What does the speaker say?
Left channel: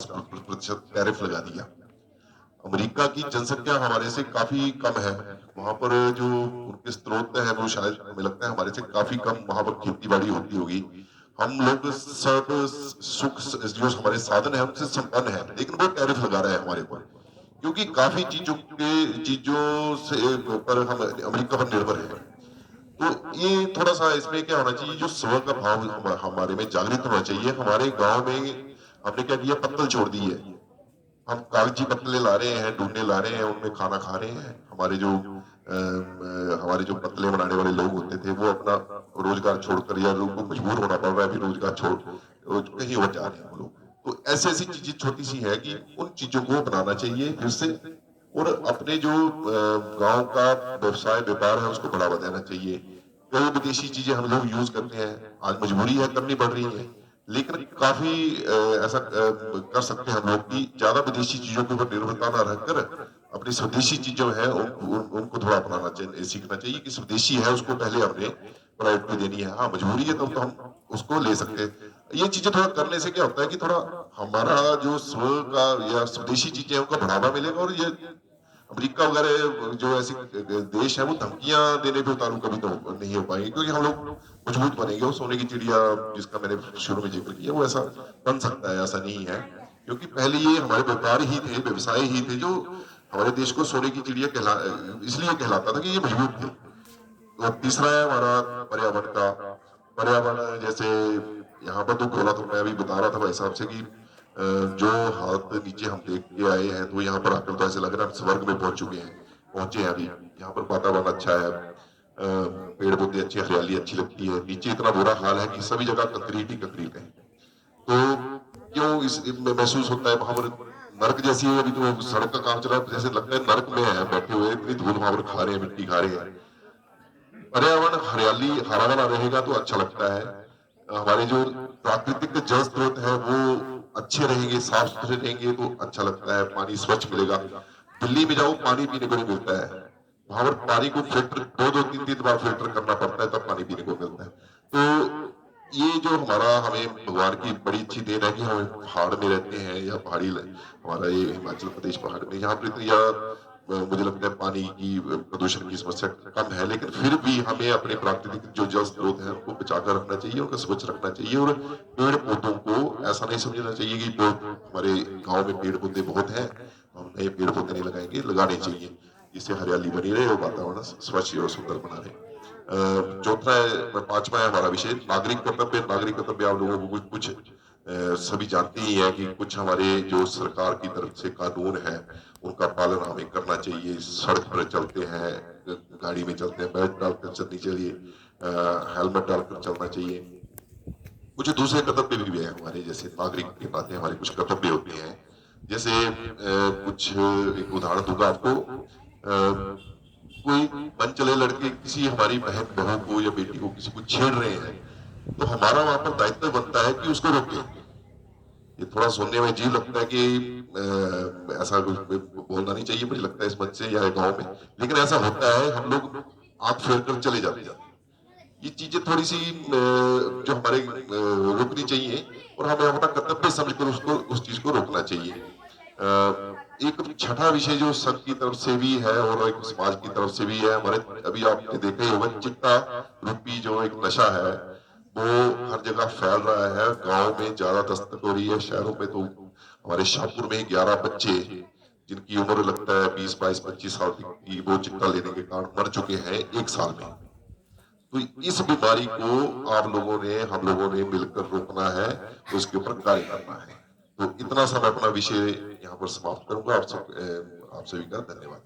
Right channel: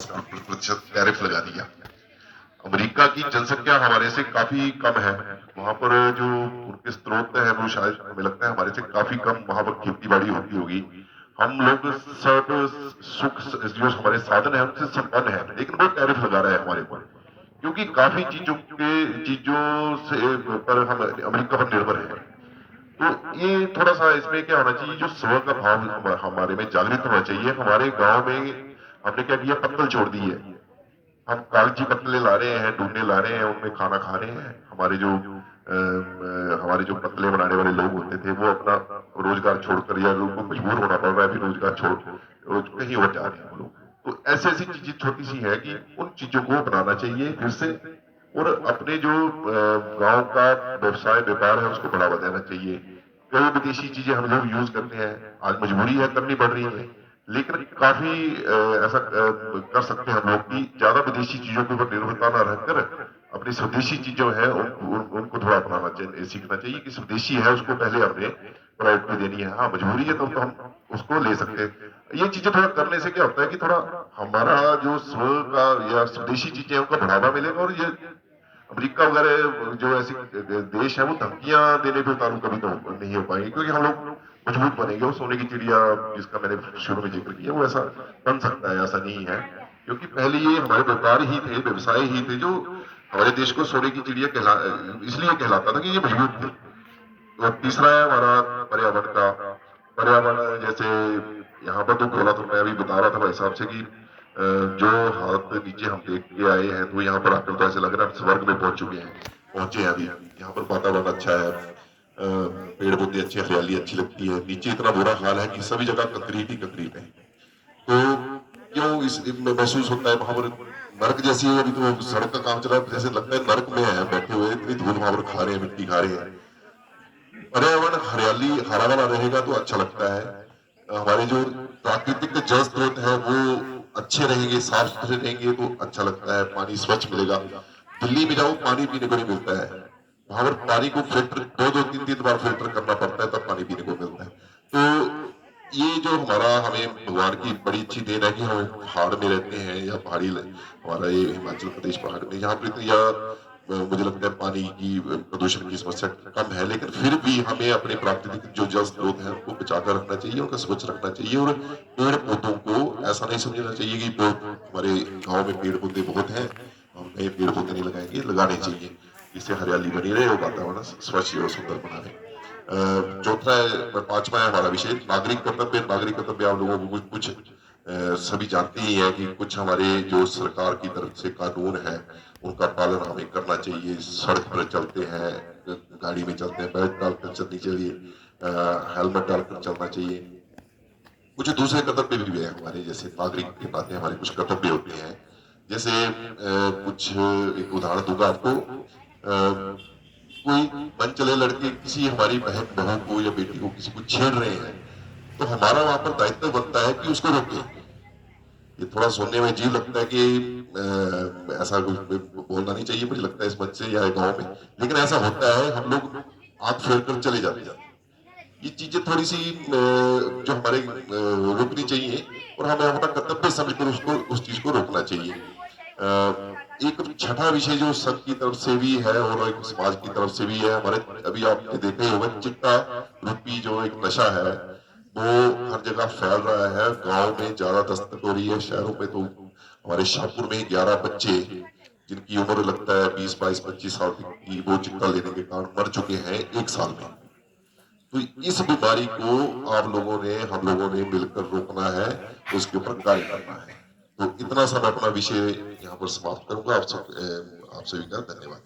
प्रतिशत टैरिफ लगा दिया। अमेरिका की जनसंख्या हमारे से काफी कम है। वहां पर जो उनके स्रोत हैं वो शायद हमें लगता है हमारे से काफी कम वहां पर खेती बाड़ी होती होगी। हम लोग सब सुख जो हमारे साधन है उनसे संपन्न है, लेकिन वो टैरिफ लगा रहा है हमारे ऊपर, क्योंकि काफी चीजों से पर हम अमेरिका पर निर्भर है। तो ये थोड़ा सा इसमें क्या होना चाहिए, जो स्व का भाव हमारे में जागृत होना चाहिए। हमारे गांव में हमने क्या किया, पत्तल छोड़ दी है। हम कागजी पत्तले ला रहे हैं, ढूंढने ला रहे हैं, उनमें खाना खा रहे हैं। हमारे जो पत्तले बनाने वाले लोग होते थे वो अपना रोजगार छोड़कर, या उनको मजबूर होना पड़ रहा है, भी रोजगार छोड़ कहीं और जा रहे हैं वो लोग। तो ऐसी ऐसी चीजें छोटी सी है कि उन चीजों को बनाना चाहिए फिर से, और अपने जो गांव का व्यवसाय व्यापार है उसको बढ़ावा देना चाहिए। कई विदेशी चीजें हम लोग यूज करते हैं, आज मजबूरी है, करनी पड़ रही है, लेकिन काफी ऐसा कर सकते हैं हम लोग कि ज्यादा विदेशी चीजों के ऊपर निर्भरता ना रहकर अपनी स्वदेशी चीजों है उनको थोड़ा अपनाना चाहिए, सीखना चाहिए कि स्वदेशी है उसको पहले हमने प्रायोरिटी देनी है। हाँ मजबूरी है तब तो हम उसको ले सकते हैं। ये चीजें थोड़ा करने से क्या होता है कि थोड़ा हमारा जो स्व का या स्वदेशी चीजें हैं उनका बढ़ावा मिलेगा, और ये अमेरिका वगैरह जो ऐसी देश है वो धमकियां देने पे उतारू कभी तो नहीं हो पाएंगे, क्योंकि हम लोग मजबूत बनेंगे। वो सोने की चिड़िया जिसका मैंने शुरू में जिक्र किया वो ऐसा बन सकता है, ऐसा नहीं है, क्योंकि पहले ये हमारे व्यापार ही थे, व्यवसाय ही थे जो हमारे देश को सोने की चिड़िया इसलिए कहलाता था कि ये मजबूत थे। और तीसरा है हमारा पर्यावरण का। पर्यावरण जैसे यहाँ पर तो बोला, तो मैं अभी बता रहा था भाई साहब से कि जो हालत नीचे हम देख के आए हैं, तो यहाँ पर आकर तो ऐसे लग रहा है हम स्वर्ग में पहुंच चुके हैं, पहुंचे हैं अभी। यहाँ पर वातावरण अच्छा है, पेड़ पौधे अच्छे, हरियाली अच्छी लगती है। नीचे इतना बुरा हाल है कि सभी जगह कंक्रीट ही कंक्रीट है। तो क्यों इस महसूस होता है वहां पर नर्क जैसी है। अभी तो सड़क का काम चल रहा है, जैसे लगता है नर्क में है बैठे हुए, इतनी धूल वहां पर खा रहे हैं, मिट्टी खा रहे हैं। पर्यावरण हरियाली हरा भरा रहेगा तो अच्छा लगता है। हमारे जो प्राकृतिक जल स्रोत है वो अच्छे रहेंगे, साफ सुथरे रहेंगे तो अच्छा लगता है, पानी स्वच्छ मिलेगा। दिल्ली में जाओ पानी पीने को नहीं मिलता है, वहां पर पानी को फिल्टर दो दो तीन तीन बार फिल्टर करना पड़ता है तब पानी पीने को मिलता है। तो ये जो हमारा, हमें भगवान की बड़ी अच्छी देन है कि हम पहाड़ में रहते हैं, या हमारा ये हिमाचल प्रदेश पहाड़ में, यहाँ पर या मुझे लगता है पानी की प्रदूषण की समस्या कम है, लेकिन फिर भी हमें अपने प्राकृतिक जो जल स्रोत है उनको बचाकर रखना चाहिए, उनको स्वच्छ रखना चाहिए। और पेड़ पौधों को ऐसा नहीं समझना चाहिए कि हमारे गांव में पेड़ पौधे बहुत हैं, हम नए पेड़ पौधे नहीं लगाएंगे, लगाने चाहिए, जिससे हरियाली बनी रहे और वातावरण स्वच्छ और सुंदर बना रहे। चौथा है, पांचवा है हमारा विषय नागरिक कर्तव्य। नागरिक कर्तव्य आप लोगों को कुछ सभी जानते ही है कि कुछ हमारे जो सरकार की तरफ से कानून है उनका पालन हमें करना चाहिए। सड़क पर चलते हैं, गाड़ी में चलते हैं, बेल्ट डालकर चलनी चाहिए, हेलमेट डालकर चलना चाहिए। कुछ दूसरे कर्तव्य भी है हमारे, जैसे नागरिक के नाते हमारे कुछ कर्तव्य होते हैं। जैसे कुछ एक उदाहरण दूंगा आपको। कोई मन चले लड़के किसी हमारी बहन बहू को या बेटी को किसी को छेड़ रहे हैं, तो हमारा वहां पर दायित्व बनता है कि उसको रोके। ये थोड़ा सुनने में अजीब लगता है कि ऐसा कुछ बोलना नहीं चाहिए मुझे लगता है इस मंच से या गांव में, लेकिन ऐसा होता है, हम लोग आंख फेर कर चले जाते हैं। ये चीजें थोड़ी सी जो हमारे रोकनी चाहिए, और हमें अपना कर्तव्य समझकर उसको उस चीज को रोकना चाहिए। एक छठा विषय जो संघ की तरफ से भी है और एक समाज की तरफ से भी है हमारे, अभी आपने देखा ही होगा, चिट्टा रूपी जो एक नशा है वो हर जगह फैल रहा है। गांव में ज्यादा दस्तक हो रही है, शहरों में तो हमारे शाहपुर में 11 बच्चे जिनकी उम्र लगता है 20 22 25 साल की, वो चिट्टा लेने के कारण मर चुके हैं 1 साल में। तो इस बीमारी को हम लोगों ने मिलकर रोकना है, उसके ऊपर कार्य करना है। तो इतना सा मैं अपना विषय यहाँ पर समाप्त करूंगा। आप सभी का धन्यवाद।